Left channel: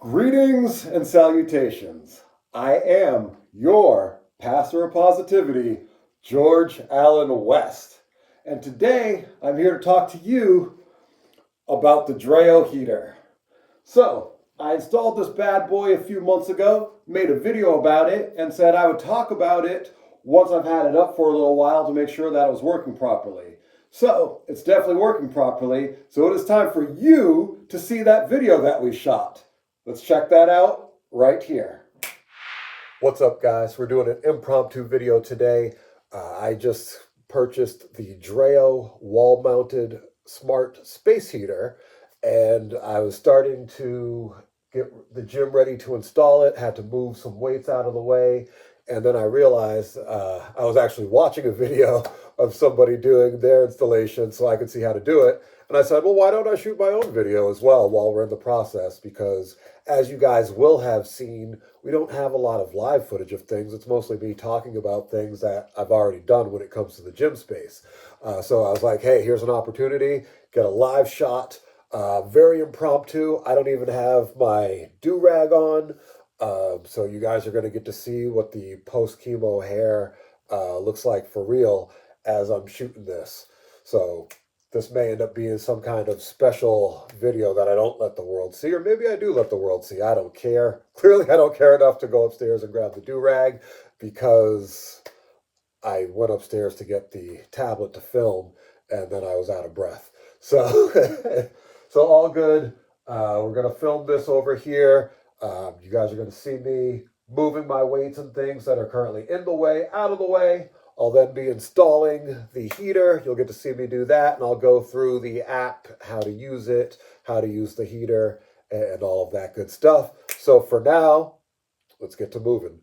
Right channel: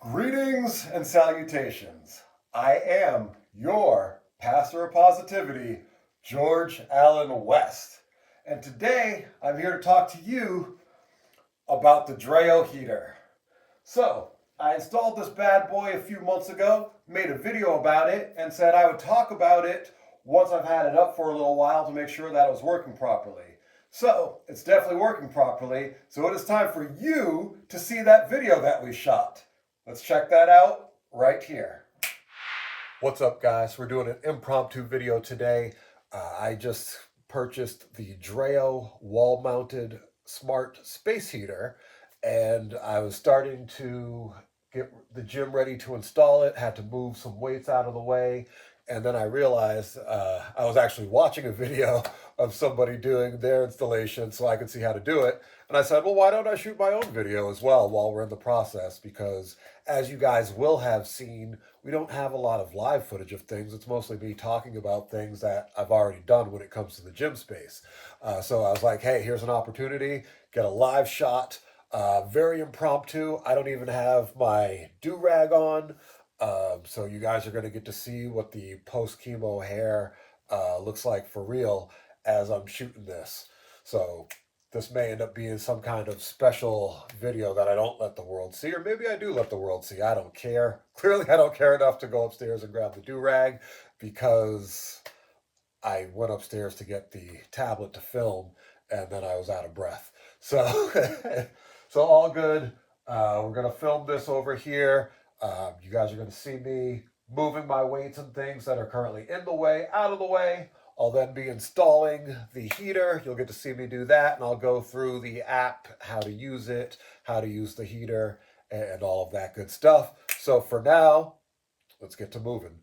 Greetings and salutations. I am your pastor of positivity, George Allen West. And today I'm here to talk to you about the DREO heater. So, I installed this bad boy a few months ago, made a video about it, and said I would talk about it once I've had it up for a little while to make sure that it was working properly. So, it's definitely working properly, so it is time for you to see that video that we shot. Let's check that out right here. What's up, guys? We're doing an impromptu video today. I just purchased the DREO wall-mounted smart space heater, and I was starting to get the gym ready to install it, had to move some weights out of the way, and then I realized I was actually watching a video of somebody doing their installation so I could see how to do it. And I said, well, why don't I shoot my own video as well while we're in the process? Because as you guys will have seen, we don't have a lot of live footage of things. It's mostly me talking about things that I've already done when it comes to the gym space. So I was like, hey, here's an opportunity, get a live shot, very impromptu. I don't even have my do-rag on. So you guys are going to get to see what the post-chemo hair looks like for real as I'm shooting this. So this may end up being some kind of special video that I don't let the world see, or maybe I do let the world see. I don't care. Clearly, I don't care enough to go upstairs and grab the do-rag because I went upstairs to get the tablet to film, and then I was out of breath. So, so all good. We're gonna film this over here. You guys are gonna see me moving my weights and things that are currently in the way, out of the way. I'll then be installing the heater. You'll get to see me do that, and I'll go through the app, how to use it, how to use the heater, and all of that good stuff. So for now, let's get to moving.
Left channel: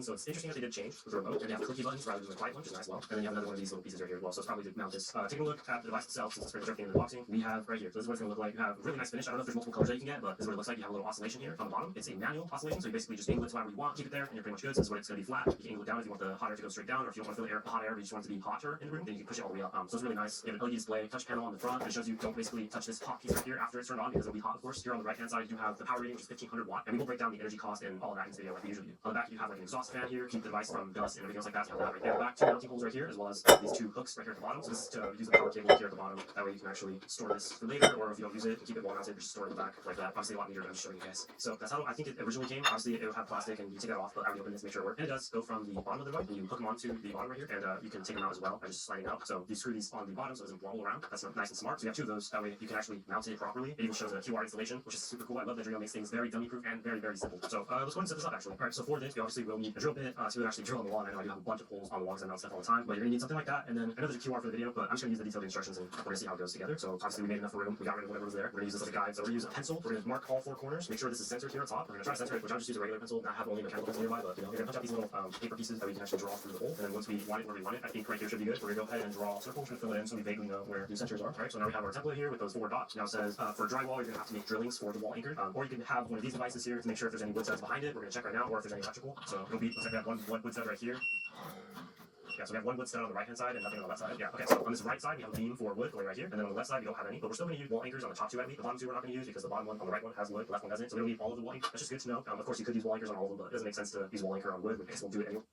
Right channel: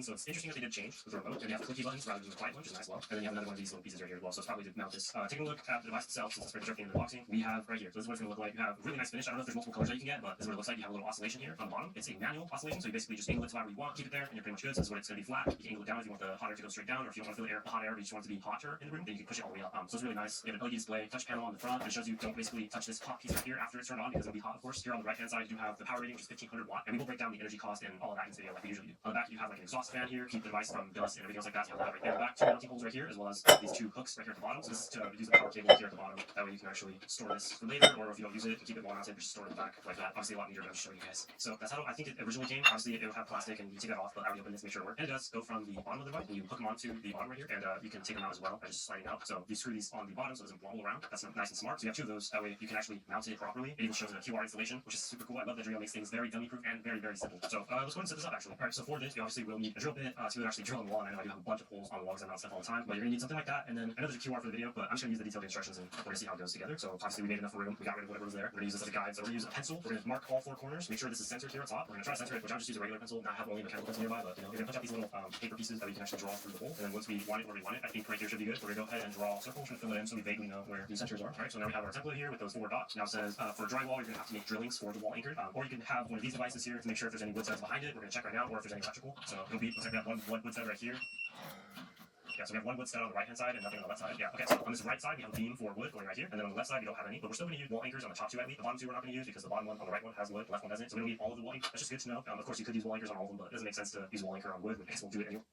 So it's interesting that they did change with the remote, and they have clicky buttons rather than the quiet one, which is nice as well. And then you have another one of these little pieces right here as well. So it's probably to mount this. Taking a look at the device itself, since it's very everything in the boxing, we have right here. So this is what it's going to look like. You have a really nice finish. I don't know if there's multiple colors that you can get, but this is what it looks like. You have a little oscillation here on the bottom. It's a manual oscillation, so you basically just angle it to however you want, keep it there, and you're pretty much good. So this is what it's going to be flat. You can angle it down if you want the hot air to go straight down, or if you don't want to feel the hot air, but you just want it to be hotter in the room, then you can push it all the way up. So it's really nice. You have an LED display, touch panel on the front, and it shows you don't basically touch this hot piece right here after it's turned on because it'll be hot, of course. Here on the right hand side, you have the power rating, which is 1500 watt, and we will break down the energy cost and all of that in this video like we usually do. On the back, you have like an exhaust fan here, keep the device from dust and everything else like that. You have that right there. The back, two mounting holes right here, as well as these two hooks right here at the bottom. So this is to use the power cable here at the bottom. That way you can actually store this for later, or if you don't use it, keep it wall mounted, just store it in the back like that. Obviously a lot neater than I'm showing you guys. So that's how I think it originally came. Obviously it would have plastic and you take that off, but I already opened this to make sure it works. And it does go from the bottom of the device, and you hook them onto the bottom right here, and you can take them out as well by just sliding out. So you screw these on the bottom so it doesn't wobble around. That's nice and smart. So you have two of those. That way you can actually mount it properly. It even shows a QR installation, which is super cool. I love that DREO makes things very dummy proof and very, very simple. So let's go ahead and set this up actually. Alright, so for this, you obviously will need a drill bit to actually drill on the wall. I know I do have a bunch of holes on the walls and mount stuff all the time, but you're gonna need something like that. And then I know there's a QR for the video, but I'm just gonna use the detailed instructions and we're gonna see how it goes together. So obviously we made enough room, we got rid of whatever was there. We're gonna use this as a guide. So we're gonna use a pencil. We're gonna mark all four corners, make sure this is centered here on top. We're gonna try to center it, which I'll just use a regular pencil, not have only a mechanical pencil nearby, but you know, we're gonna punch out these little paper pieces that we can actually draw through the hole. And then once we want it where we want it, I think right here should be good. We're gonna go ahead and draw circles and fill it in so we vaguely know where the centers are. Alright, so now we have our template here with those four dots. Now it says for drywall, you're gonna have to make drillings for the wall anchor, or you can have one of these devices here to make sure if there's any wood studs behind it. We're gonna check right now, or if there's any electrical. So it'll be, looks like we have one wood stud right here. Yeah, so we have one wood stud on the right hand side and nothing on the left side. Yeah, okay, so on this right side we have a beam for wood going right here, and then on the left side we don't have any, but we're still going to use wall anchors on the top two at least. The bottom two we're not going to use because the bottom one on the right one has wood, the left one doesn't, so we don't need all of the wall anchors. That's just good to know. Of course you could use wall anchors on all of them, but it doesn't make sense to use wall anchor on wood. I guess we'll do it anyway.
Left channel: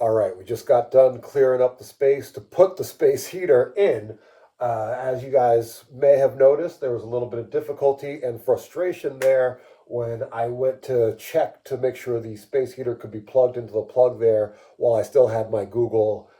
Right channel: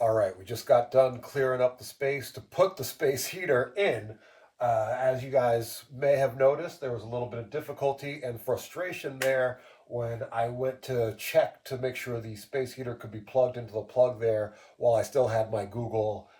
All right, we just got done clearing up the space to put the space heater in. As you guys may have noticed, there was a little bit of difficulty and frustration there when I went to check to make sure the space heater could be plugged into the plug there while I still had my Google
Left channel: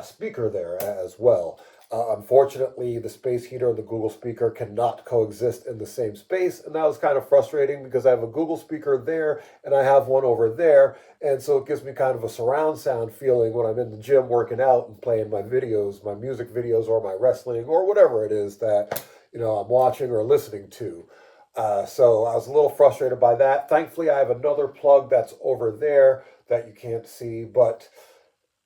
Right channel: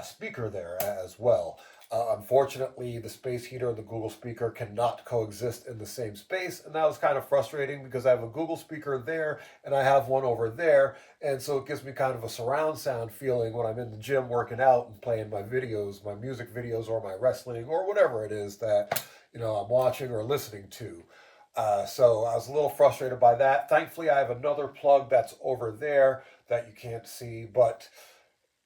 speaker there as well. Unfortunately, the space heater and the Google speaker cannot coexist in the same space, and that was kind of frustrating because I have a Google speaker there and I have one over there, and so it gives me kind of a surround sound feeling when I'm in the gym working out and playing my videos, my music videos, or my wrestling, or whatever it is that I'm watching or listening to. So I was a little frustrated by that. Thankfully, I have another plug that's over there that you can't see, but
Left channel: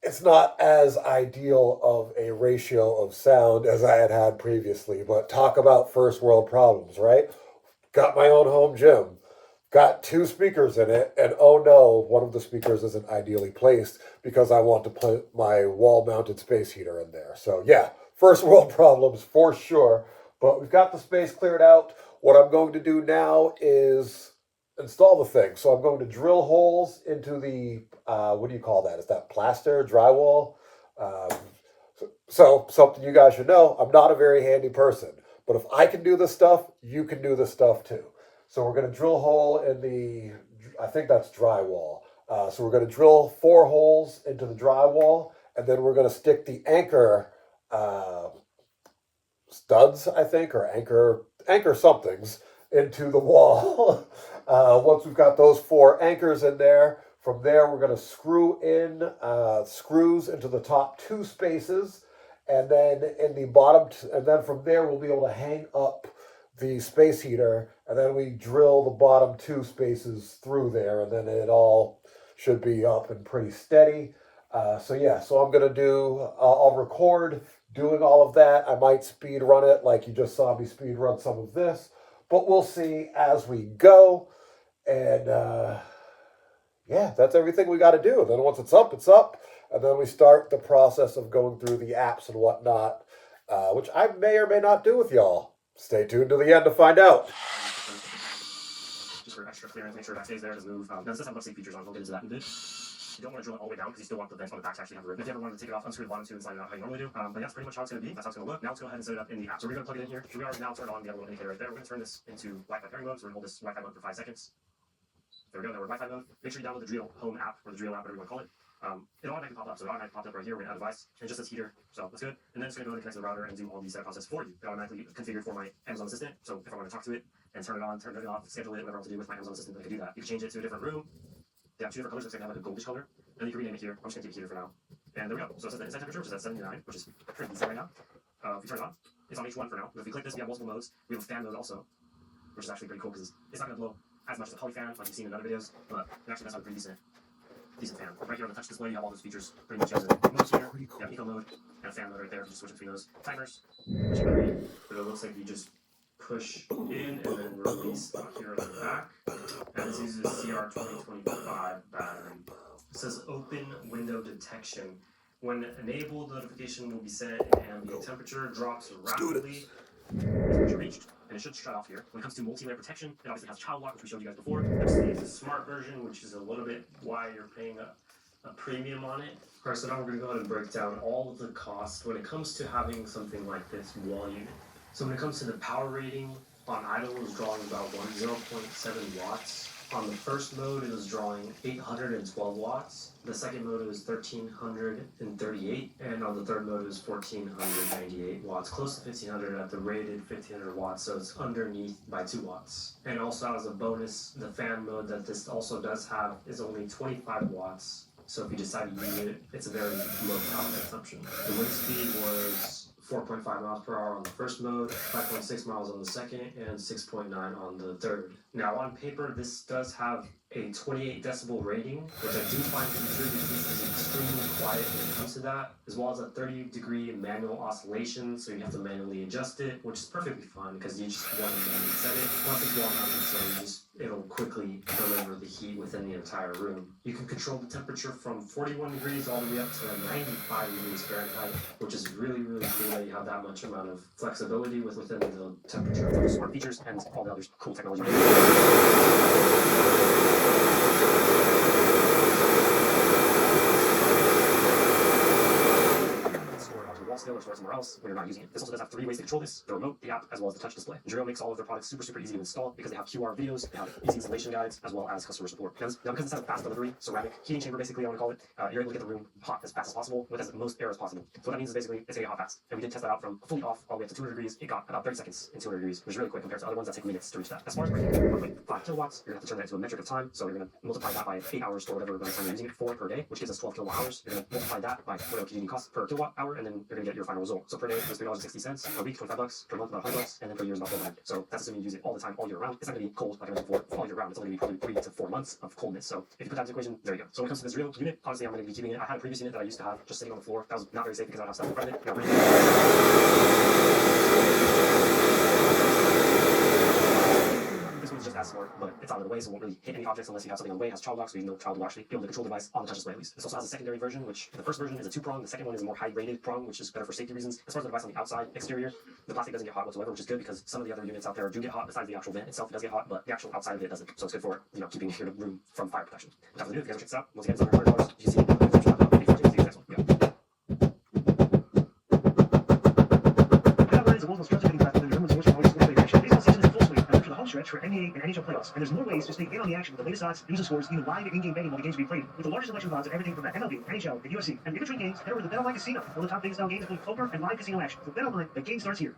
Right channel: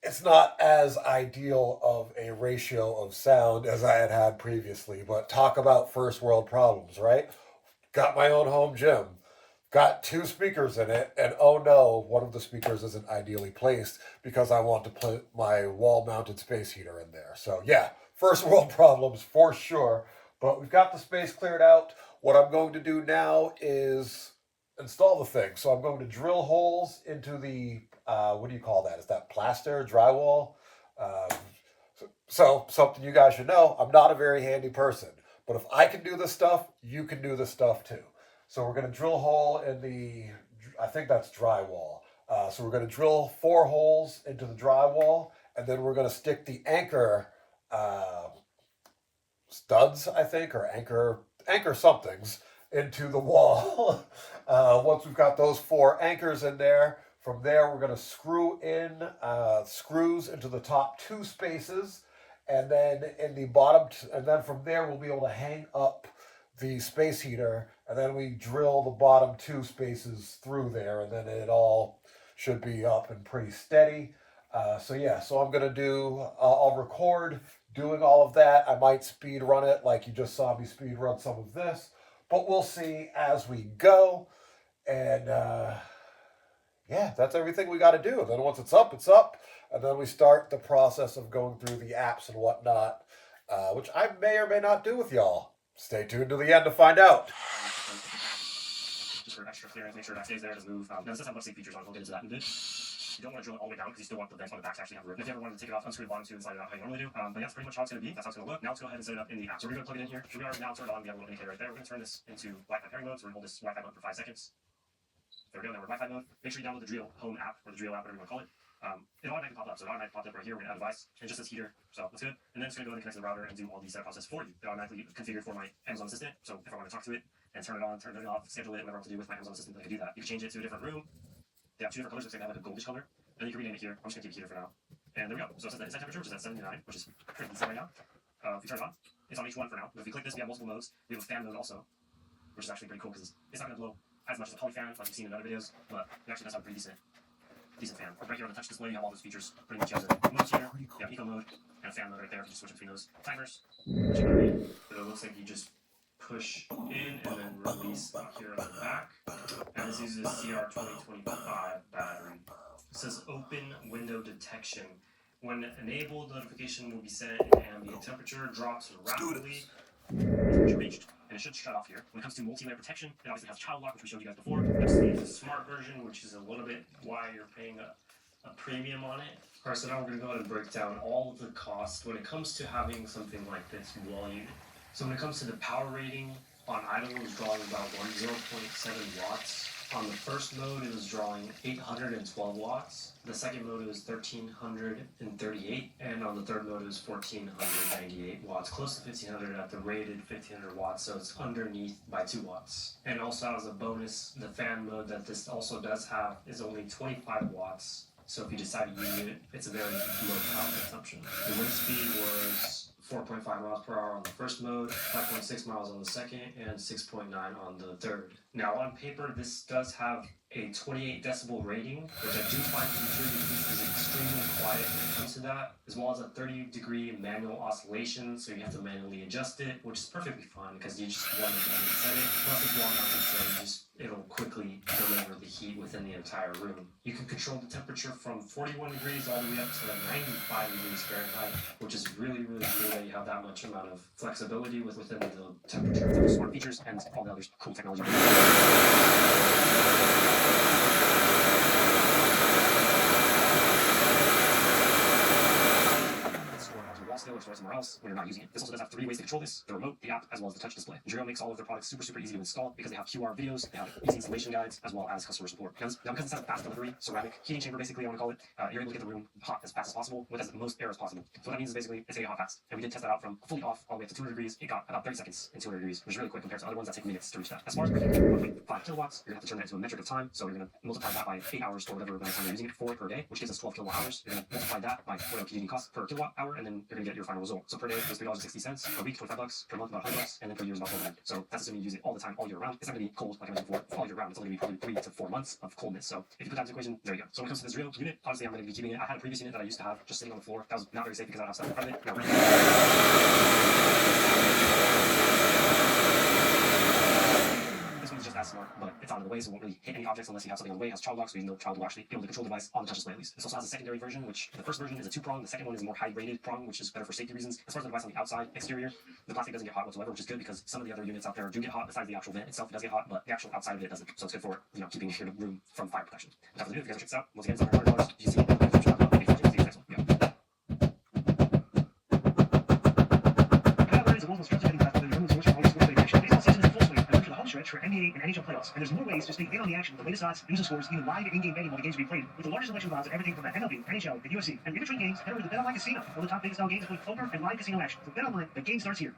it's not as ideal of a ratio of sound as I had previously, but talk about first world problems, right? Got my own home gym, got two speakers in it, and oh no, one of the speakers isn't ideally placed because I want to put my wall mounted space heater in there. So, yeah, first world problems for sure, but we've got the space cleared out. What I'm going to do now is install the thing. So, I'm going to drill holes into the, what do you call that? Is that plaster, drywall? Um, so, something you guys should know, I'm not a very handy person. But if I can do this stuff, you can do this stuff too. So we're going to drill a hole in the, I think that's drywall. So we're going to drill 4 holes into the drywall, and then we're going to stick the anchor studs, I think, or anchor somethings into the wall. Once we've got those 4 anchors in there, from there we're going to screw in screws into the top 2 spaces, and then in the bottom, and then from there we'll be able to hang up the space heater, and then we drill the bottom 2 spaces through there, and then it all should be up and pretty steady. So yeah, so I'm gonna do, I'll record doing all of that. I might speed run it like you just saw me speed run some of this, but we'll see as we go. And yeah, that's everything we got to do. And then once it's up, it's up. And then we start the process of going through the apps and whatnot, which I may or may not do with y'all. Stay tuned to the end to find out. Just for extra clearance, make sure that stays there, doesn't move. Now, this does have much features on it. We'll get into that in a bit. You don't want to drill it all the way down because you still want the vents on the back to actually have a rip. If you ever wanted to take it off, unscrew the bottom 2 and slide it out how you normally do. But yeah, that's pretty much how it's going to be. That's how it's going to look. Now let's go ahead and set it up in the app. So we're going to plug it in here. Here we are now turned on. We have a little indicator right there. We're going to turn this into Wi-Fi pairing mode. So we're going to hold this Wi-Fi mode for 5 seconds. There we go. Now we're in Wi-Fi mode. Make sure you download the DREO Home app or the DREO app, whatever you want to call it. It automatically popped up. So it automatically popped up right here. We're going to add a device and just says heater. So that's good. And then it's going to go and connect to the router and do all the setup process for you. It automatically configured for my Amazon Assistant. So if I want to talk to it and turn it on, turn it off, schedule it, whatever I want to do with my Amazon Assistant, I can do that. You can change it to a different room. They have 2 different colors. It's going to have like a goldish color. And then you can rename it here. I'm just going to keep it heater for now. And there we go. So it says the inside temperature, which is at 79, which is pretty decent right now. If you turn it on, it's on H1 for now. But if we click this, we have multiple modes. We have a fan mode also, which is actually pretty cool because it's not going to blow as much as a poly fan like you've seen in other videos, but it actually does have a pretty decent fan. Right here on the touch display, you have all those features. Pretty much you have the modes here, you have eco mode, and a fan mode right there. You just switch between those. Timers, which you can read, but it looks like you just push in and then release out here on the back. And this uses a CR2025 battery. It says open window detection. When enabled, notification will be set and ambient temperature drops rapidly. Temperature reached, and it should shut off here. When it comes to multi-layer protection, it obviously has child lock, which we showed you guys before. That's the smart version, which is a little bit why you're paying a premium on it. Alright, so now we're going to go ahead and break down all of the costs when it comes to having something like this wall unit. So when it comes to the power rating, on idle it was drawing about 0.7 watts. On the first mode, it was drawing 812 watts. The second mode was 1338, and on the third mode, it was 1498 watts, close to 1500 at the rated 1500 watts, so it's underneath by 2 watts. And also, as a bonus, the fan mode that this also does have is only 25 watts. So if you decide to use it, it's a very low power consumption. The wind speed was 4.5 miles per hour on the first mode, 5.6 miles on the second, and 6.9 on the third. Now on paper, this does have a 28 decibel rating, which I do find weird because it's extremely quiet when it comes to that, as well as a 30-degree manual oscillation, so you have to manually adjust it, which is perfectly fine because you just want to manually set it. Plus it's wall-mounted, so it'll quickly deliver the heat within the entire room. You can control the temperature from 41 degrees all the way up to 95 degrees Fahrenheit, which is really, really cool that you have that much amount of flexibility within the temperature of those smart features and all the other cool technology. Or store it somewhere else when you're not using it. This also does have 3 ways to control this: the remote, the app, as well as the touch display. DREO makes all of their products super easy to install because they have QR videos, they have easy installation guides, as well as customer support. Because this has a fast delivery, ceramic heating chamber, basically, I want to call it, you're able to get the room hot as fast as possible with as most air as possible. So what that means is basically it's going to get hot fast. And we did test that out from fully off all the way up to 200 degrees. It got about 30 seconds in 200 degrees, which is really quick compared to other ones that take minutes to reach that. As far as breaking 1.5 kilowatts, you're going to have to turn that into a metric of time. So you're going to multiply that by 8 hours or whatever amount of time you're using it for per day, which gives us 12 kilowatt hours. You're going to multiply that by what it costs per kilowatt hour, and then you're going to get your final result. So per day is $3.60, per week $25, per month about $100, and then per year is about $400. So that's assuming you use it all the time, all year round. It's not going to be cold like I mentioned before all year round. It's only going to be probably 3 to 4 months of coldness. So if you put that into the equation, there you go. So when it comes to this DREO unit, honestly, I'm going to be keeping it. I had a previous unit that I used to have just sitting on the floor. That was not very safe because I would have stuff in front of it. This one's just as smart, but it's out of the way, so it won't really hit any objects unless you have something on the way. It has child lock, so no child will actually be able to control the device on the touch display at least. This also has a secondary version, which the first version is a 2-prong, the second one is a more high-rated prong, which is better for safety reasons. As far as the device on the outside exterior, the plastic doesn't get hot whatsoever, which is good because some of the other units out there do get hot. Besides the actual vent itself, it does get hot, but the actual outside of it doesn't. So it's good for keeping your room from fire protection. Without further ado, if you guys check this out, once again, it's under $100. You see, for NBA and NHL playoffs, and there's more ways to stay in on the action with the latest odds, news and scores, even live in-game betting while the games are being played, with the largest selection of odds of everything from the MLB, NHL, and UFC. And in-between games, head over to the BetOnline Casino, one of the top biggest style games including poker and live casino action. So BetOnline, the game starts here.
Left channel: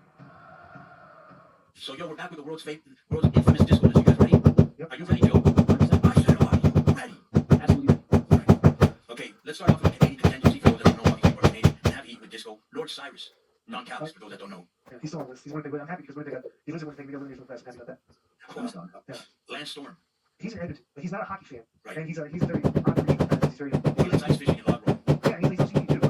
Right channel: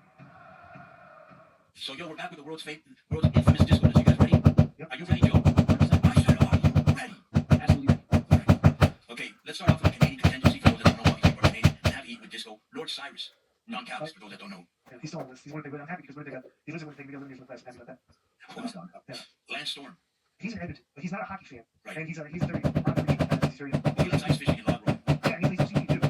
So we're back with the world's infamous disco. You guys ready? Yep. Are you ready, Joe? I said, are you ready? Absolutely. Right. Okay, let's start off with Canadian contingency for those that don't know. Obviously, we're Canadian and have heat with disco. Lord Cyrus, non-Callis for those that don't know. Yeah, he's still on this. He's one thing, but I'm happy because he lives in Winnipeg, eliminated from the class. I'm happy about that. Lance Storm. He's an Edmonton, but he's not a hockey fan. Right. And he's very he's very He loves ice fishing and log rolling. yeah, he's OCD too.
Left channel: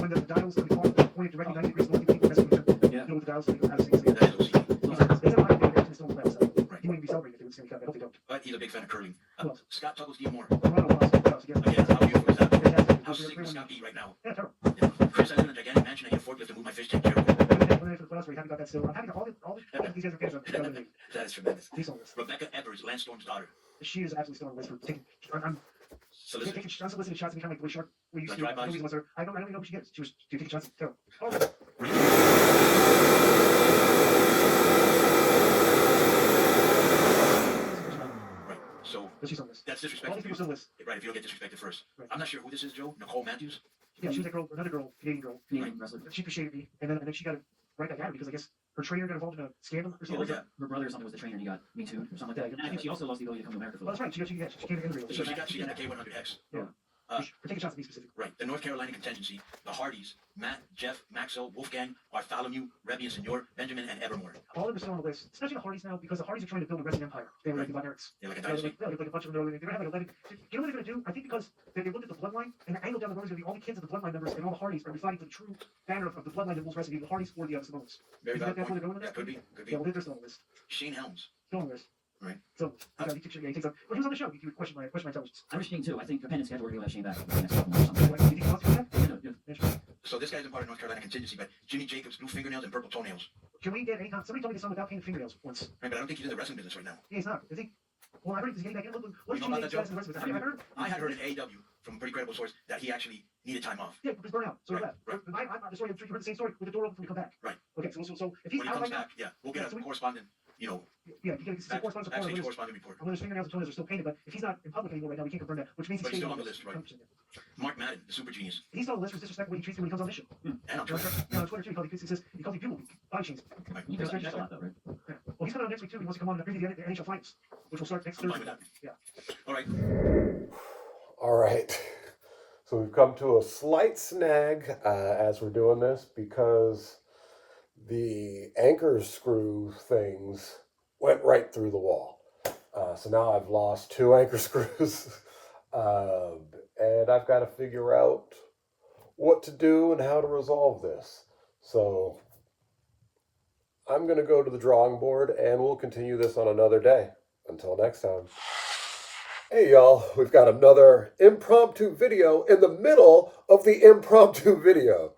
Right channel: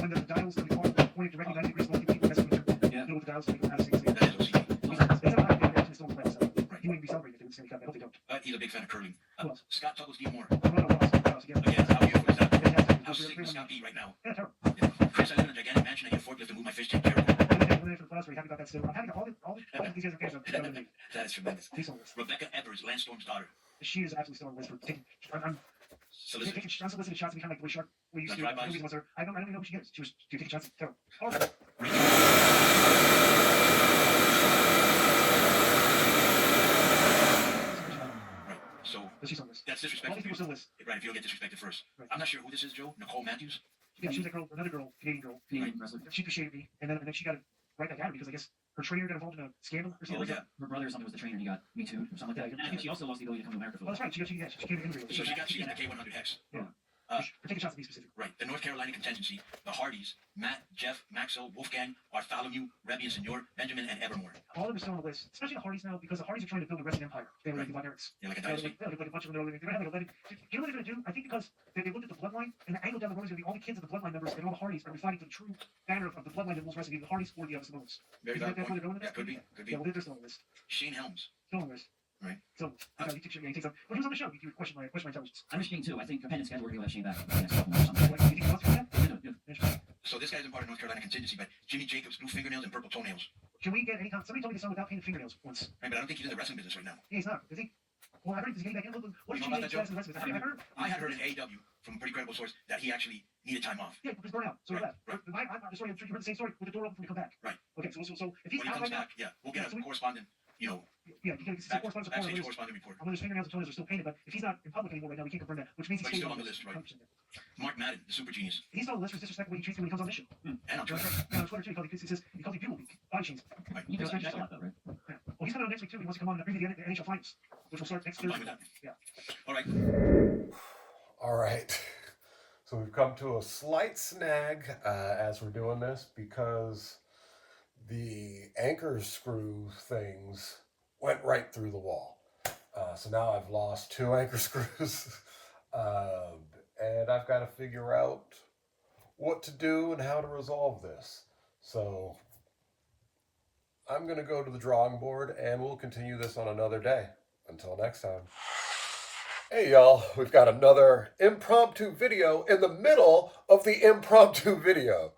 When the dials when the pointed directly 90 degrees, that's when you know with the dials so you know how to see it. That is OCD. He's not a hockey fan, Edmonton's still in the playoffs, so Right. he wouldn't be celebrating if they would Stanley Cup. I hope they don't. But he's a big fan of curling. Who else? Scott Tuggles D. Moore. Toronto was, again. Again, how beautiful is that? Fantastic. How sick would Scott be right now? Yeah, terrible. Yeah. Chris, I live in a gigantic mansion. I get a forklift to move my fish tank. Jericho. For the playoffs, we're happy about that still. I'm happy about all these guys are fans of That is tremendous. He's on this. Rebecca Evers, Lance Storm's daughter. She is absolutely still on the list for taking. I'm Solicitor. taking unsolicited shots at me, kind of like the way Shark. We used to. Like drive-bys? Movies was her. I don't even know who she is. She was taking shots. Terrible. Oh, right. So But she's on this. that's All disrespectful. these people still list. Right, if you don't get disrespected first. Right. I'm not sure who this is, Joe. Nicole Matthews. Yeah, she was that girl, another girl, Canadian girl. Canadian wrestler. She appreciated me, and then she got it right back at her because I guess her trainer got involved in a scandal or something. Oh, yeah. Her brother or something was the trainer and he got Me Too or something like that. And I think she also lost the ability to come to America for Oh, that's right. She came to immigrate. So she got the K100 Hex. Yeah. For taking shots at me specifically. Right. The North Carolina contingency, the Hardys, Matt, Jeff, Maxwell, Wolfgang, Bartholomew, Rebbe and Senor, Benjamin, and Evermore. All of them are still on the list, especially the Hardys now, because the Hardys are trying to build a wrestling empire. They were like the Von Erichs. Yeah, like a They're dynasty. like a bunch of them. They're going to have like 11. You know what they're going to do? I think because they looked at the bloodline, and the angle down the road is going to be all the kids of the bloodline members, and all the Hardys are fighting for the true banner of the bloodline that rules wrestling, the Hardys or the Samoans. Very Is valid that where point. they're going with Yeah, that? could be. Could be. Yeah, well, they're still on the list. Shane Helms. Still on the list. Right. So, he takes well, he was on the show. He questioned my intelligence. I'm just too. I think a pen and schedule we're going to have Shane back for the next couple months or something. Like, you think he wants to do that? Yeah. So this guy's in part of North Carolina contingency, but Jimmy Jacobs, blue fingernails and purple toenails. Can we get any somebody told me this song without painting fingernails once. Right, but I don't think he's in the wrestling business right now. Yeah, he's not. Is he? Well, I heard he's getting back in. What is You know Jimmy about that, Jacobs in the wrestling business? I heard. I had heard in AEW from a pretty credible source that he actually needed time off. Yeah, he's burned out. So Right, right. The story. You heard the same story with the door open when we come back. Right. Okay. So if he's When he out comes right now, back, yeah, we'll get a correspondent, yeah, you can see correspondence report. backstage correspondent report. On whether his fingernails and toenails are still painted, but if he's not in public anymore right now, we can't confirm that, which means But he's he's staying still on the list, right? 100%. Mark Madden, the super genius, He's still on the list for disrespect when he treats me when he comes on this show. and on No, Twitter. on Twitter too. He calls me Bugle Week. Body chains. Right. You does that a lot though, right? Yeah. Well, he's coming on next week too. He wants to come on and preview the NHL finals, which will start next I'm fine Thursday. with that. Yeah. All right. All right. So we've come to a slight snag as we're doing this because the anchor screw things went right through the wall. So now I've lost 2 anchor screws and I've got to figure out what to do and how to resolve this. So I'm going to go to the drawing board and we'll continue this on another day. Until next time. Hey y'all, we've got another impromptu video in the middle of the impromptu video.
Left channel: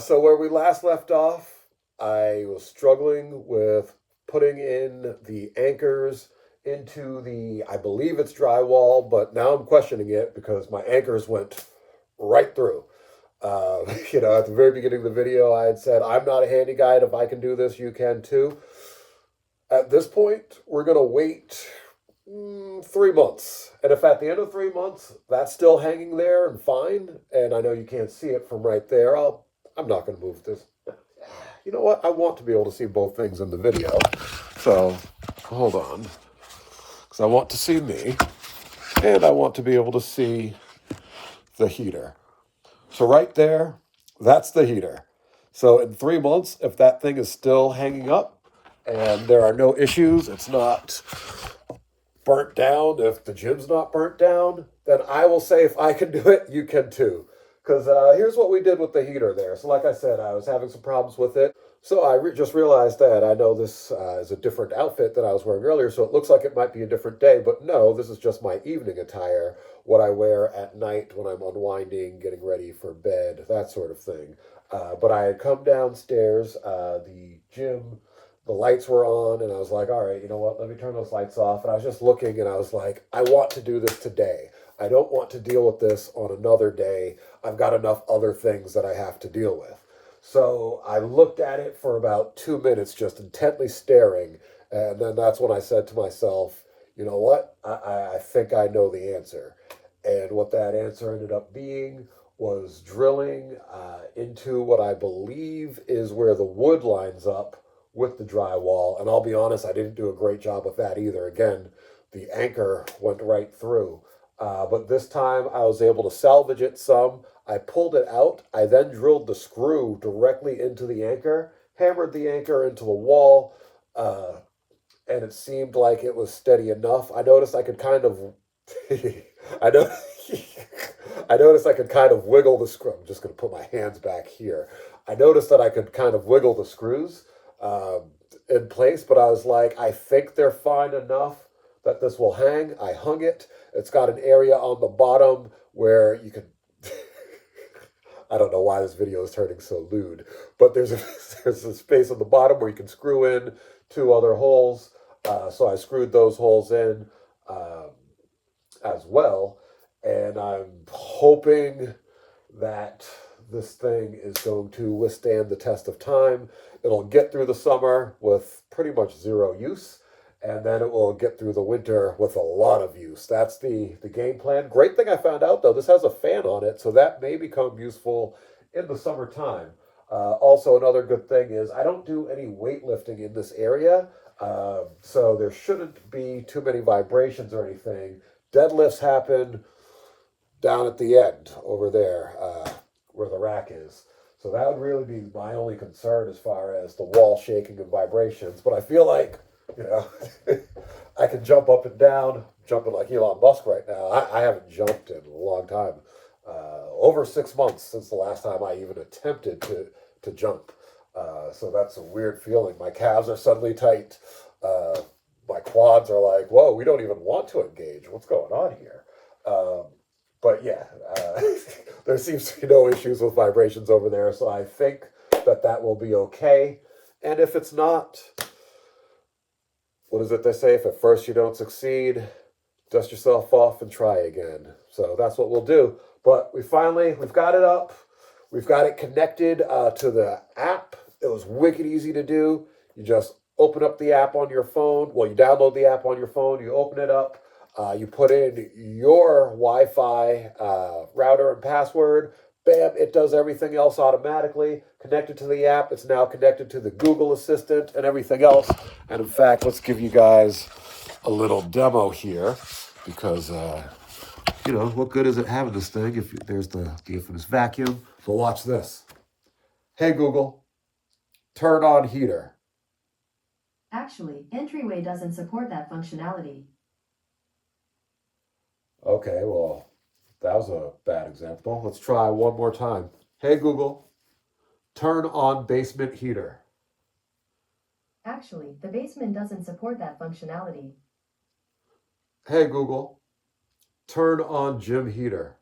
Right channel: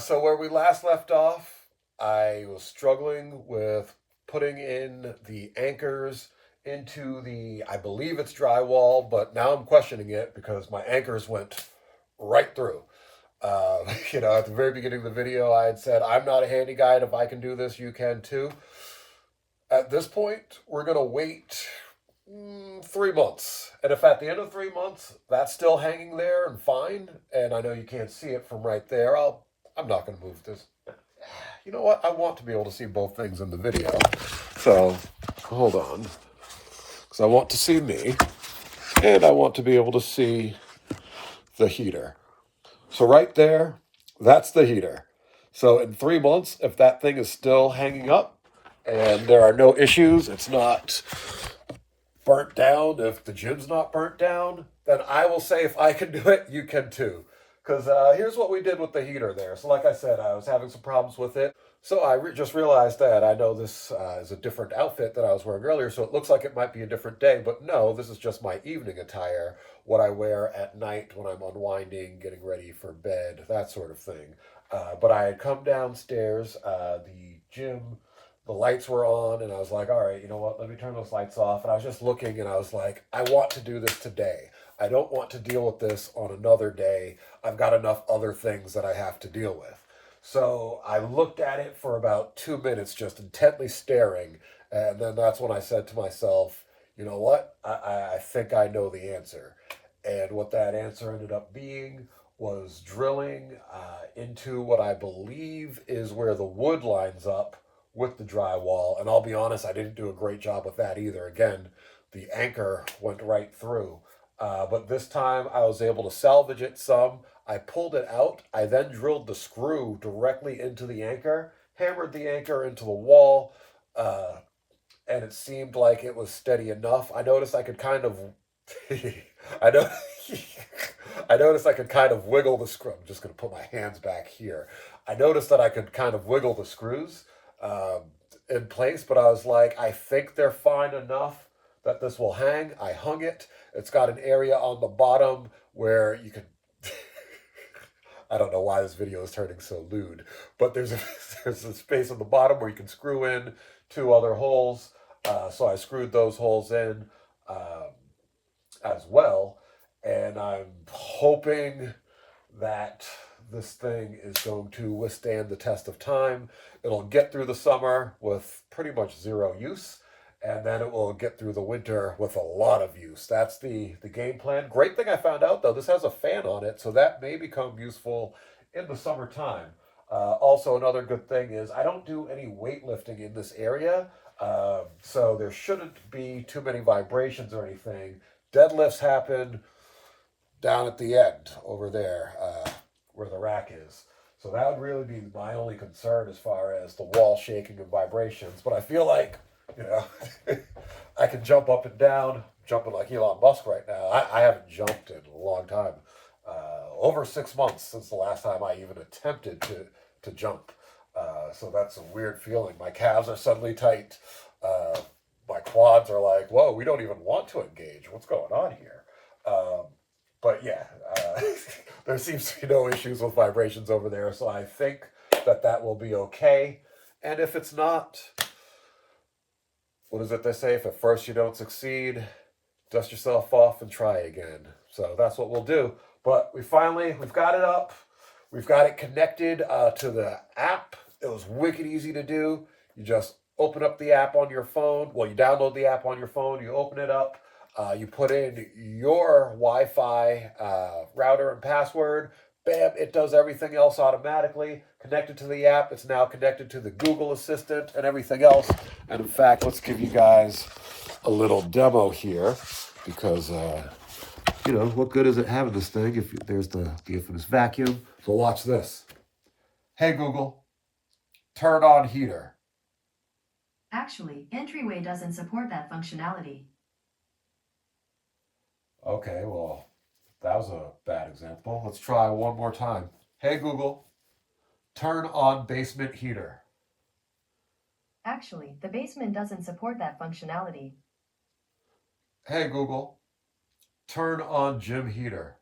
So where we last left off, I was struggling with putting in the anchors into the, I believe it's drywall, but now I'm questioning it because my anchors went right through. At the very beginning of the video, I had said, I'm not a handy guy, and if I can do this, you can too. At this point, we're going to wait 3 months. And if at the end of 3 months, that's still hanging there and fine, and I know you can't see it from right there, I'm not going to move this. You know what? I want to be able to see both things in the video. So, hold on. Because I want to see me, and I want to be able to see the heater. So right there, that's the heater. So in 3 months, if that thing is still hanging up and there are no issues, it's not burnt down, if the gym's not burnt down, then I will say if I can do it, you can too. Because here's what we did with the heater there. So like I said, I was having some problems with it. So I just realized that I know this is a different outfit than I was wearing earlier, so it looks like it might be a different day, but no, this is just my evening attire, what I wear at night when I'm unwinding, getting ready for bed, that sort of thing. But I had come downstairs, the gym, the lights were on, and I was like, all right, you know what, let me turn those lights off. And I was just looking, and I was like, I want to do this today. I don't want to deal with this on another day. I've got enough other things that I have to deal with. So I looked at it for about 2 minutes, just intently staring. And then that's when I said to myself, you know what? I think I know the answer. And what that answer ended up being was drilling into what I believe is where the wood lines up with the drywall. And I'll be honest, I didn't do a great job with that either. Again, the anchor went right through. But this time I was able to salvage it some. I pulled it out. I then drilled the screw directly into the anchor, hammered the anchor into the wall, and it seemed like it was steady enough. I noticed I could kind of, I know, I noticed I could kind of wiggle the screw. I'm just going to put my hands back here. I noticed that I could kind of wiggle the screws in place, but I was like, I think they're fine enough that this will hang. I hung it. It's got an area on the bottom where you can I don't know why this video is turning so lewd, but there's a space on the bottom where you can screw in 2 other holes. So I screwed those holes in as well, and I'm hoping that this thing is going to withstand the test of time. It'll get through the summer with pretty much zero use, and then it will get through the winter with a lot of use. That's the game plan. Great thing I found out, though, this has a fan on it, so that may become useful in the summertime. Also, another good thing is I don't do any weightlifting in this area, so there shouldn't be too many vibrations or anything. Deadlifts happen down at the end over there where the rack is. So that would really be my only concern as far as the wall shaking and vibrations. But I feel like, you know, I can jump up and down, jumping like Elon Musk right now. I haven't jumped in a long time. Over 6 months since the last time I even attempted to jump. So that's a weird feeling. My calves are suddenly tight. My quads are like, whoa, we don't even want to engage. What's going on here? But yeah, there seems to be no issues with vibrations over there. So I think that will be okay. And if it's not, what is it they say? If at first you don't succeed, dust yourself off and try again. So that's what we'll do. But we've got it up. We've got it connected to the app. It was wicked easy to do. You just open up the app on your phone. Well, you download the app on your phone. You open it up. You put in your Wi-Fi router and password. Bam, it does everything else automatically. Connected to the app. It's now connected to the Google Assistant and everything else. And in fact, let's give you guys a little demo here because, you know, what good is it having this thing if there's the infamous vacuum? So watch this. Hey, Google, turn on heater. Actually, Entryway doesn't support that functionality. Okay, well, that was a bad example. Let's try one more time. Hey, Google, turn on basement heater. Actually, the basement doesn't support that functionality. Hey, Google, turn on gym heater.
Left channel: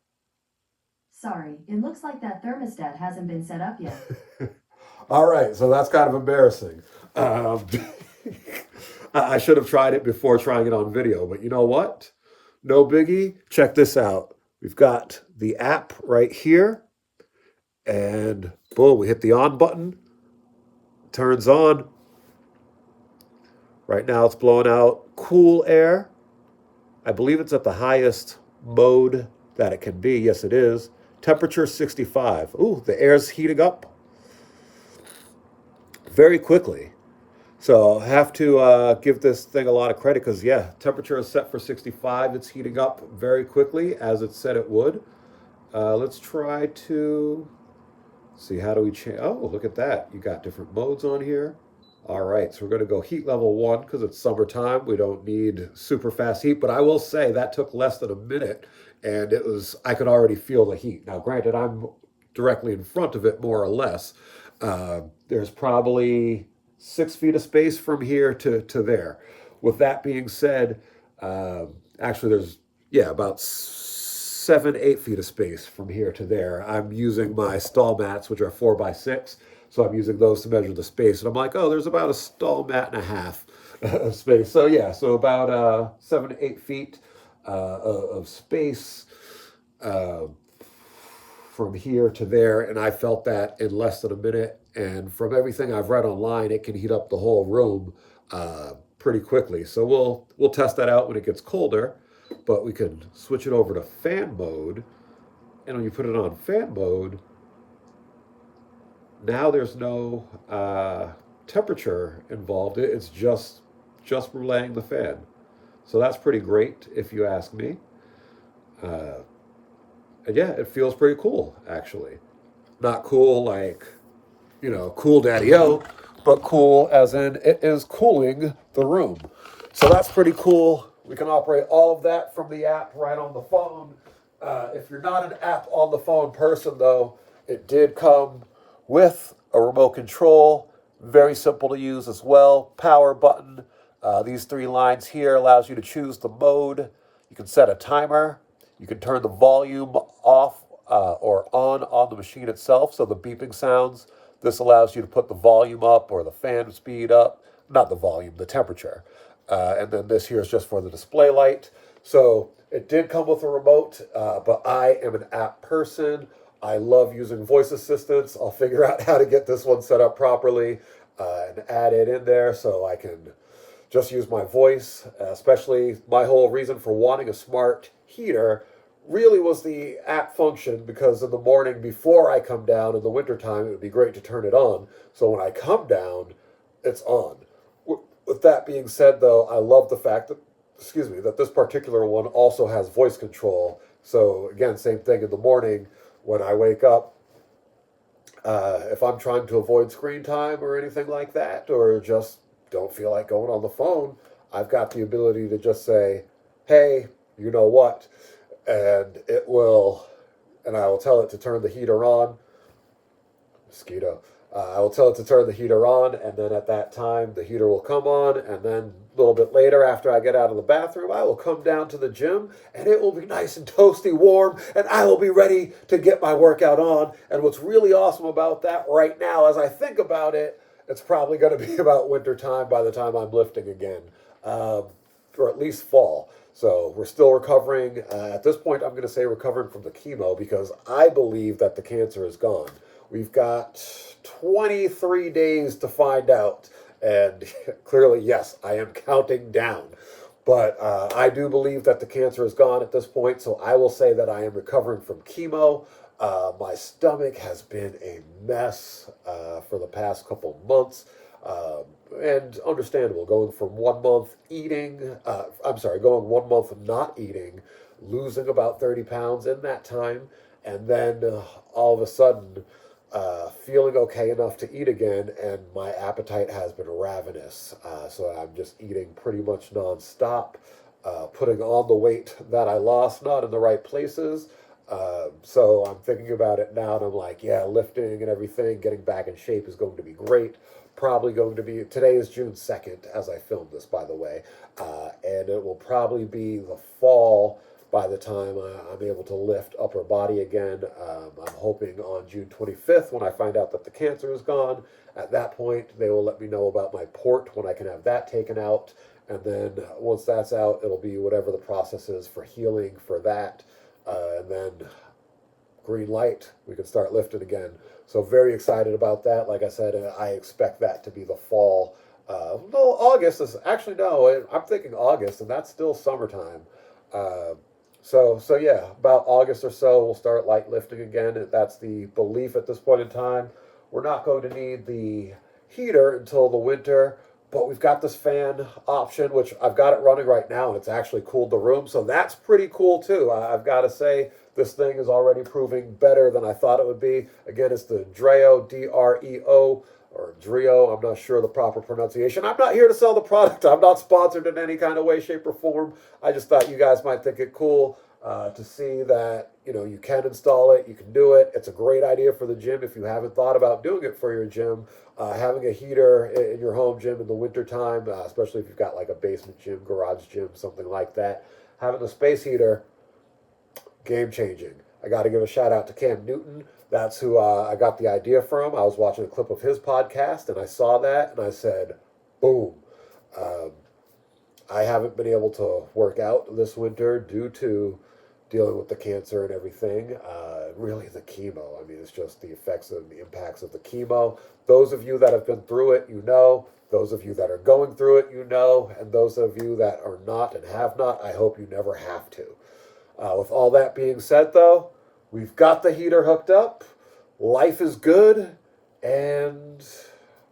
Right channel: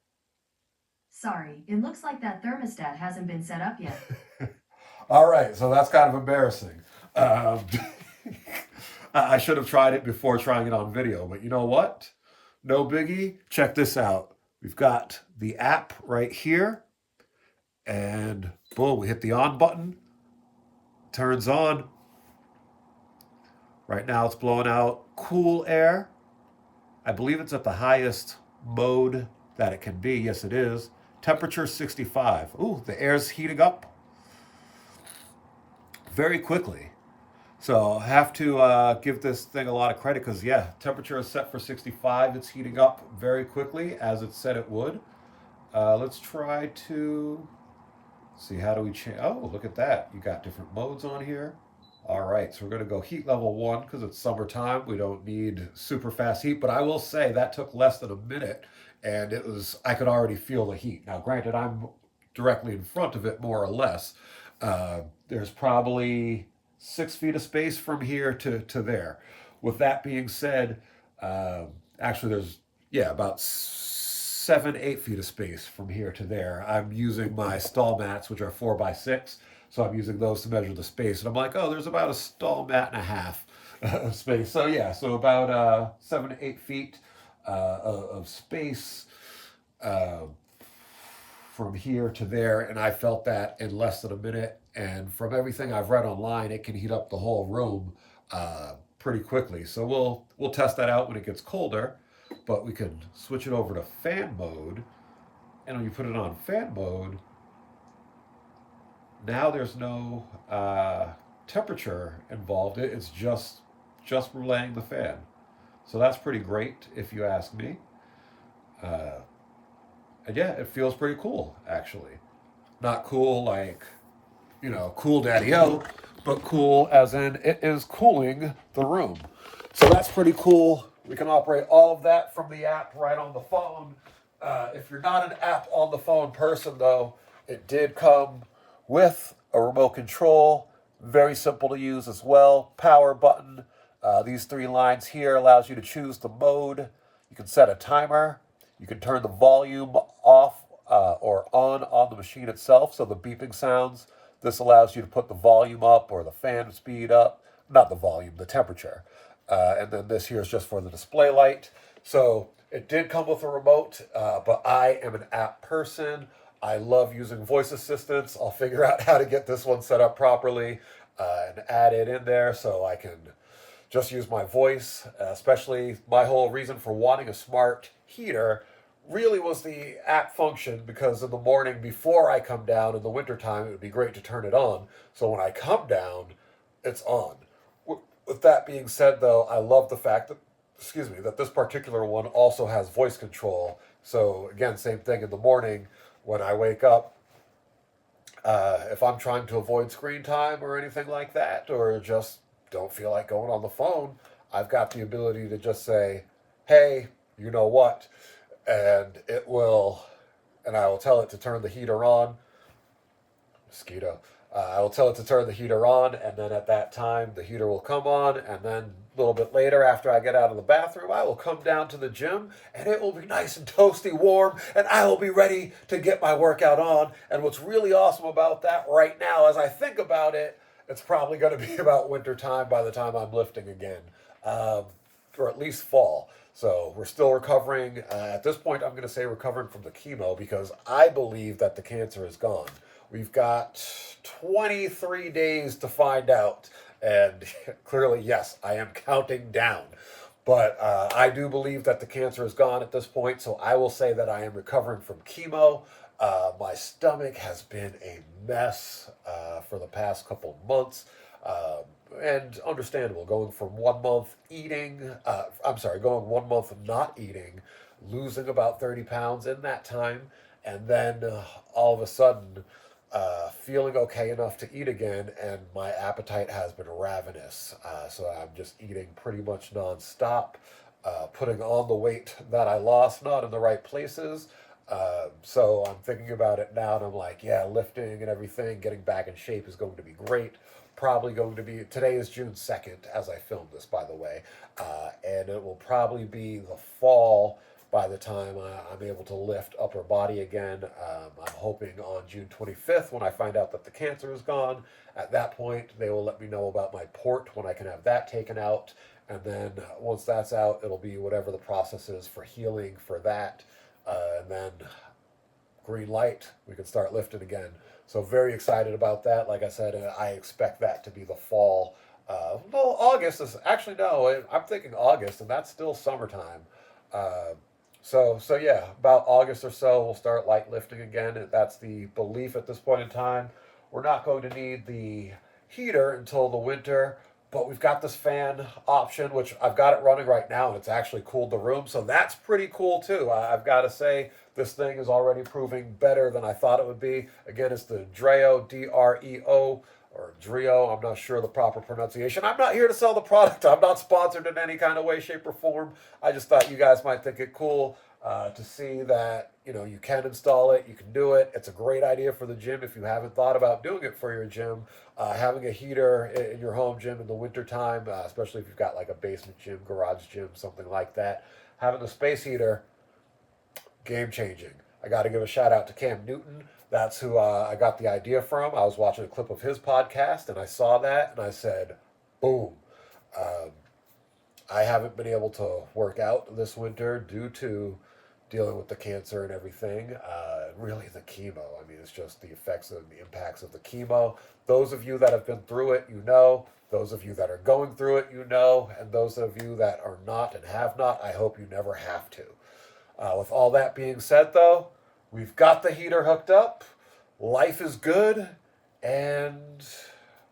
Sorry, it looks like that thermostat hasn't been set up yet. All right, so that's kind of embarrassing. I should have tried it before trying it on video, but you know what? No biggie. Check this out. We've got the app right here, and boom, we hit the on button. Turns on. Right now it's blowing out cool air. I believe it's at the highest mode that it can be. Yes, it is. Temperature 65. Ooh, the air's heating up very quickly. So I have to give this thing a lot of credit because, yeah, temperature is set for 65. It's heating up very quickly as it said it would. Let's try to see, how do we change? Oh, look at that. You got different modes on here. All right, so we're going to go heat level 1 because it's summertime. We don't need super fast heat, but I will say that took less than a minute, and I could already feel the heat. Now, granted, I'm directly in front of it more or less. There's probably 6 feet of space from here to there. With that being said, actually there's, yeah, about 7, 8 feet of space from here to there. I'm using my stall mats, which are 4x6. So I'm using those to measure the space. And I'm like, oh, there's about a stall mat and a half of space. So yeah, so about 7 to 8 feet of space from here to there. And I felt that in less than a minute. And from everything I've read online, it can heat up the whole room pretty quickly. So we'll test that out when it gets colder. But we can switch it over to fan mode. And when you put it on fan mode, now there's no temperature involved. It's just relaying the fan. So that's pretty great if you ask me. And yeah, it feels pretty cool, actually. Not cool like, cool daddy-o, but cool as in it is cooling the room. So that's pretty cool. We can operate all of that from the app right on the phone. If you're not an app on the phone person, though, it did come with a remote control. Very simple to use as well. Power button. These 3 lines here allows you to choose the mode. You can set a timer. You can turn the volume off or on the machine itself, so the beeping sounds. This allows you to put the volume up or the fan speed up. Not the volume, the temperature. And then this here is just for the display light. So it did come with a remote, but I am an app person. I love using voice assistants. I'll figure out how to get this one set up properly and add it in there so I can just use my voice. Especially my whole reason for wanting a smart heater really was the app function, because in the morning before I come down in the wintertime, it would be great to turn it on. So when I come down, it's on. With that being said, though, I love the fact that this particular one also has voice control. So again, same thing in the morning when I wake up. If I'm trying to avoid screen time or anything like that, or just don't feel like going on the phone, I've got the ability to just say, hey, you know what? And I will tell it to turn the heater on. Mosquito. I will tell it to turn the heater on, and then at that time, the heater will come on, and then a little bit later, after I get out of the bathroom, I will come down to the gym, and it will be nice and toasty warm, and I will be ready to get my workout on. And what's really awesome about that right now, as I think about it, it's probably going to be about winter time by the time I'm lifting again, or at least fall. So we're still recovering. At this point, I'm going to say recovering from the chemo, because I believe that the cancer is gone. We've got 23 days to find out. And clearly, yes, I am counting down. But I do believe that the cancer is gone at this point. So I will say that I am recovering from chemo. My stomach has been a mess for the past couple months. And understandable, going from 1 month going 1 month not eating, losing about 30 pounds in that time. And then all of a sudden, feeling okay enough to eat again, and my appetite has been ravenous. So I'm just eating pretty much nonstop, putting on the weight that I lost, not in the right places. So I'm thinking about it now, and I'm like, yeah, lifting and everything, getting back in shape is going to be great. Probably going to be, today is June 2nd as I filmed this, by the way, and it will probably be the fall by the time I'm able to lift upper body again. I'm hoping on June 25th, when I find out that the cancer is gone. At that point, they will let me know about my port, when I can have that taken out. And then once that's out, it'll be whatever the process is for healing for that. And then green light, we can start lifting again. So very excited about that. Like I said, I expect that to be the fall. No, August is actually, no, I'm thinking August, and that's still summertime. So yeah, about August or so, we'll start light lifting again. That's the belief at this point in time. We're not going to need the heater until the winter, But we've got this fan option, which I've got it running right now, and it's actually cooled the room. So that's pretty cool too. I've got to say, this thing is already proving better than I thought it would be. Again, it's the DREO, D-R-E-O, or DREO. I'm not sure the proper pronunciation. I'm not here to sell the product. I'm not sponsored in any kind of way, shape, or form. I just thought you guys might think it cool to see that, you know, you can install it, you can do it. It's a great idea for the gym if you haven't thought about doing it for your gym. Having a heater in your home gym in the wintertime, especially if you've got like a basement gym, garage gym, something like that. Having a space heater, game changing. I got to give a shout out to Cam Newton. That's who I got the idea from. I was watching a clip of his podcast and I saw that and I said, boom. I haven't been able to work out this winter due to dealing with the cancer and everything. Really the chemo. I mean, it's just the effects and the impacts of the chemo. Those of you that have been through it, you know. Those of you that are going through it, you know. And those of you that are not and have not, I hope you never have to. With all that being said, though, we've got the heater hooked up. Life is good. And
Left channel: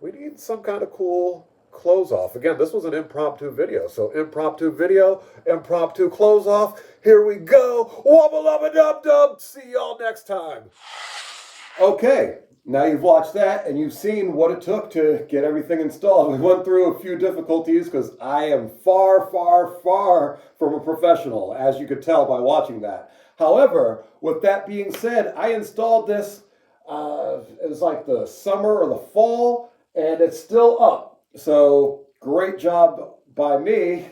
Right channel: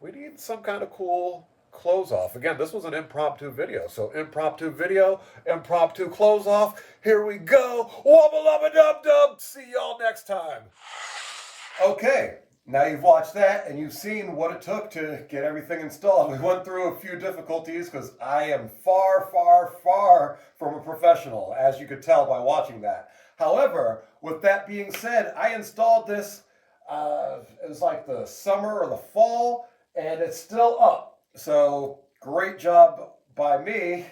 we need some kind of cool close off. Again, this was an impromptu video. So impromptu video, impromptu close off. Here we go. Wubba lubba dub dub. See y'all next time. Okay, now you've watched that and you've seen what it took to get everything installed. We went through a few difficulties because I am far, far, far from a professional, as you could tell by watching that. However, with that being said, I installed this, it was like the summer or the fall, and it's still up. So great job by me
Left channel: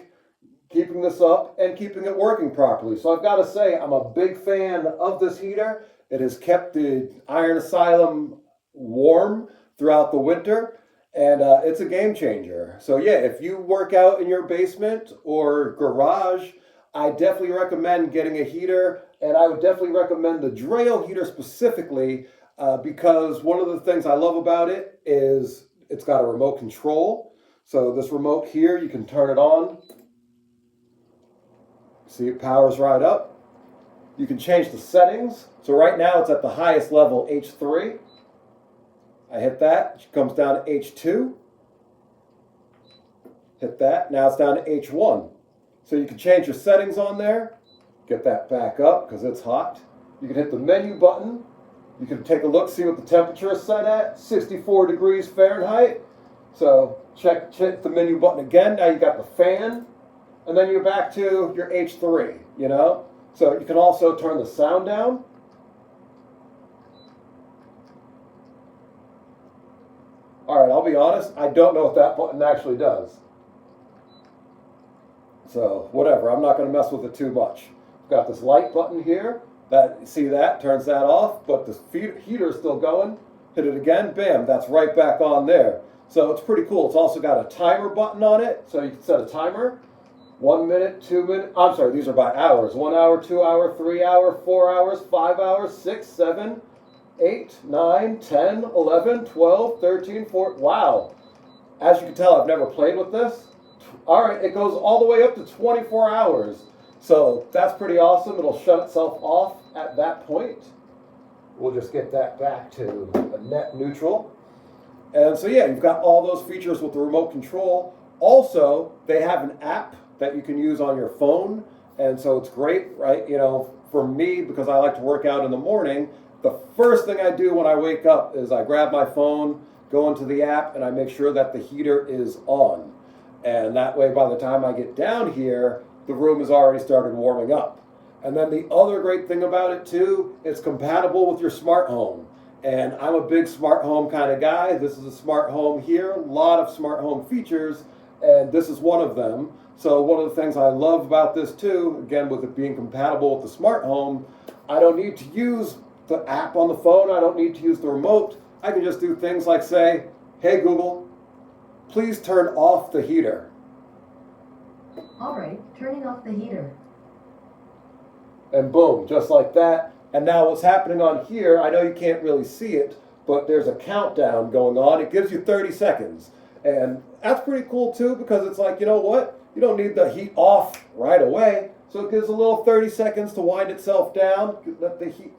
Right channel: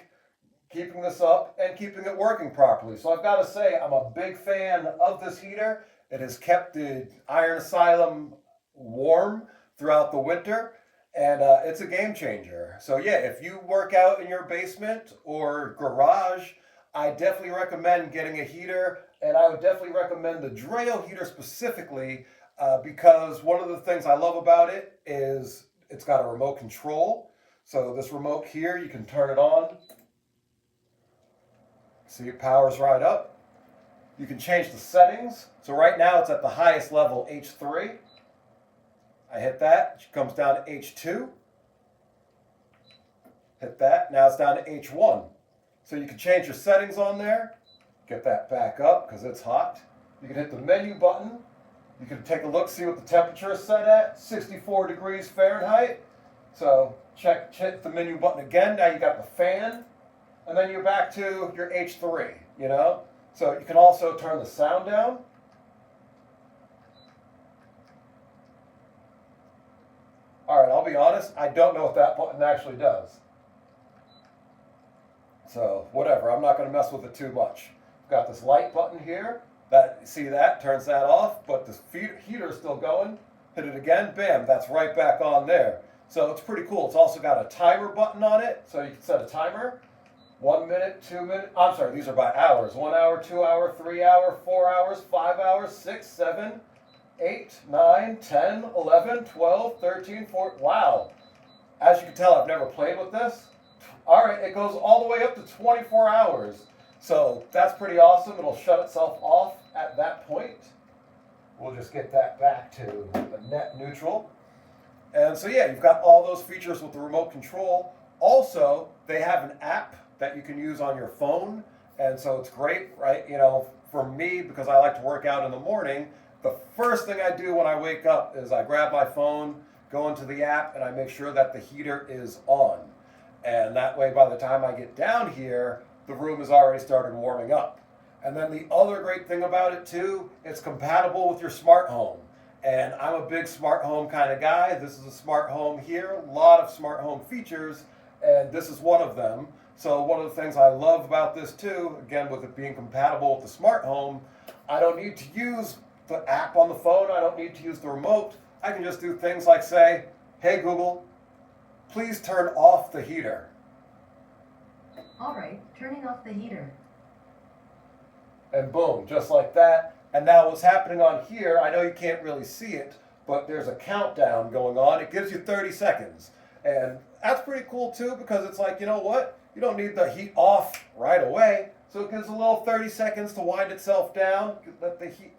keeping this up and keeping it working properly. So I've got to say, I'm a big fan of this heater. It has kept the Iron Asylum warm throughout the winter, and it's a game changer. So yeah, if you work out in your basement or garage, I definitely recommend getting a heater, and I would definitely recommend the DREO heater specifically because one of the things I love about it is it's got a remote control. So this remote here, you can turn it on. See, it powers right up. You can change the settings. So right now it's at the highest level, H3. I hit that, it comes down to H2. Hit that, now it's down to H1. So you can change your settings on there. Get that back up because it's hot. You can hit the menu button. You can take a look, see what the temperature is set at, 64 degrees Fahrenheit. So check the menu button again. Now you got the fan, and then you're back to your H3, you know? So you can also turn the sound down. All right, I'll be honest, I don't know what that button actually does. So whatever, I'm not gonna mess with it too much. Got this light button here. See that, turns that off, but the heater is still going. Hit it again, bam, that's right back on there. So it's pretty cool. It's also got a timer button on it, so you can set a timer. 1 minute, 2 minutes, I'm sorry, these are by hours. 1 hour, 2 hour, 3 hour, 4 hours, 5 hours, 6, 7, 8, 9, 10, 11, 12, 13, 14, wow. As you can tell, I've never played with this. All right, it goes all the way up to 24 hours. So that's pretty awesome. It'll shut itself off at that point. We'll just get that back to a net neutral. And so yeah, you've got all those features with the remote control. Also, they have an app that you can use on your phone. And so it's great, right? You know, for me, because I like to work out in the morning, the first thing I do when I wake up is I grab my phone, go into the app, and I make sure that the heater is on. And that way, by the time I get down here, the room has already started warming up. And then the other great thing about it too, it's compatible with your smart home. And I'm a big smart home kind of guy. This is a smart home here, a lot of smart home features, and this is one of them. So one of the things I love about this too, again, with it being compatible with the smart home, I don't need to use the app on the phone. I don't need to use the remote. I can just do things like say, hey Google, please turn off the heater. All right, turning off the heater. And boom, just like that. And now what's happening on here, I know you can't really see it, but there's a countdown going on. It gives you 30 seconds. And that's pretty cool too, because it's like, you know what? You don't need the heat off right away. So it gives a little 30 seconds to wind itself down,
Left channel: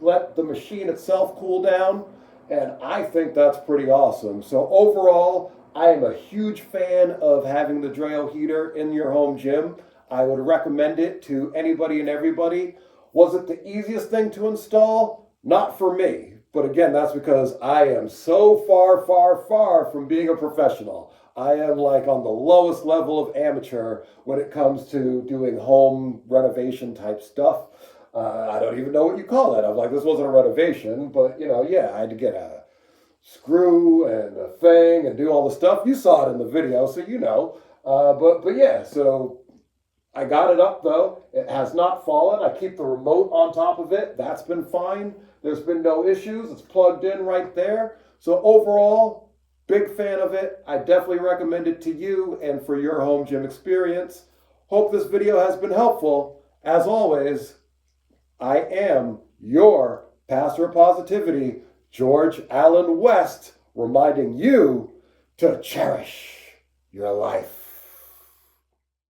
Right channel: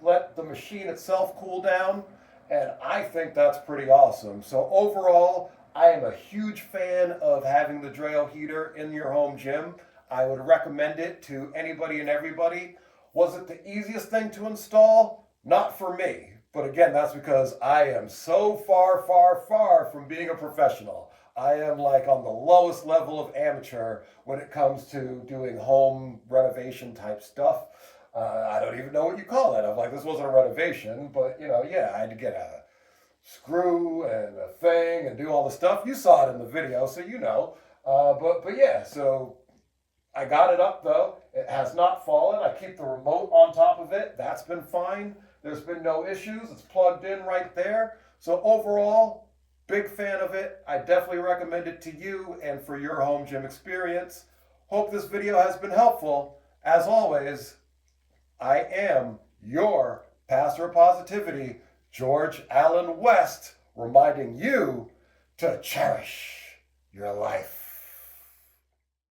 let the machine itself cool down. And I think that's pretty awesome. So overall, I am a huge fan of having the DREO heater in your home gym. I would recommend it to anybody and everybody. Was it the easiest thing to install? Not for me. But again, that's because I am so far from being a professional. I am like on the lowest level of amateur when it comes to doing home renovation type stuff. I don't even know what you call it. I'm like, this wasn't a renovation, but yeah, I had to get a screw and a thing and do all the stuff. You saw it in the video, so you know. But yeah, so I got it up though. It has not fallen. I keep the remote on top of it. That's been fine. There's been no issues. It's plugged in right there. So overall, big fan of it. I definitely recommend it to you and for your home gym experience. Hope this video has been helpful. As always, I am your Pastor of Positivity, George Allen West, reminding you to cherish your life.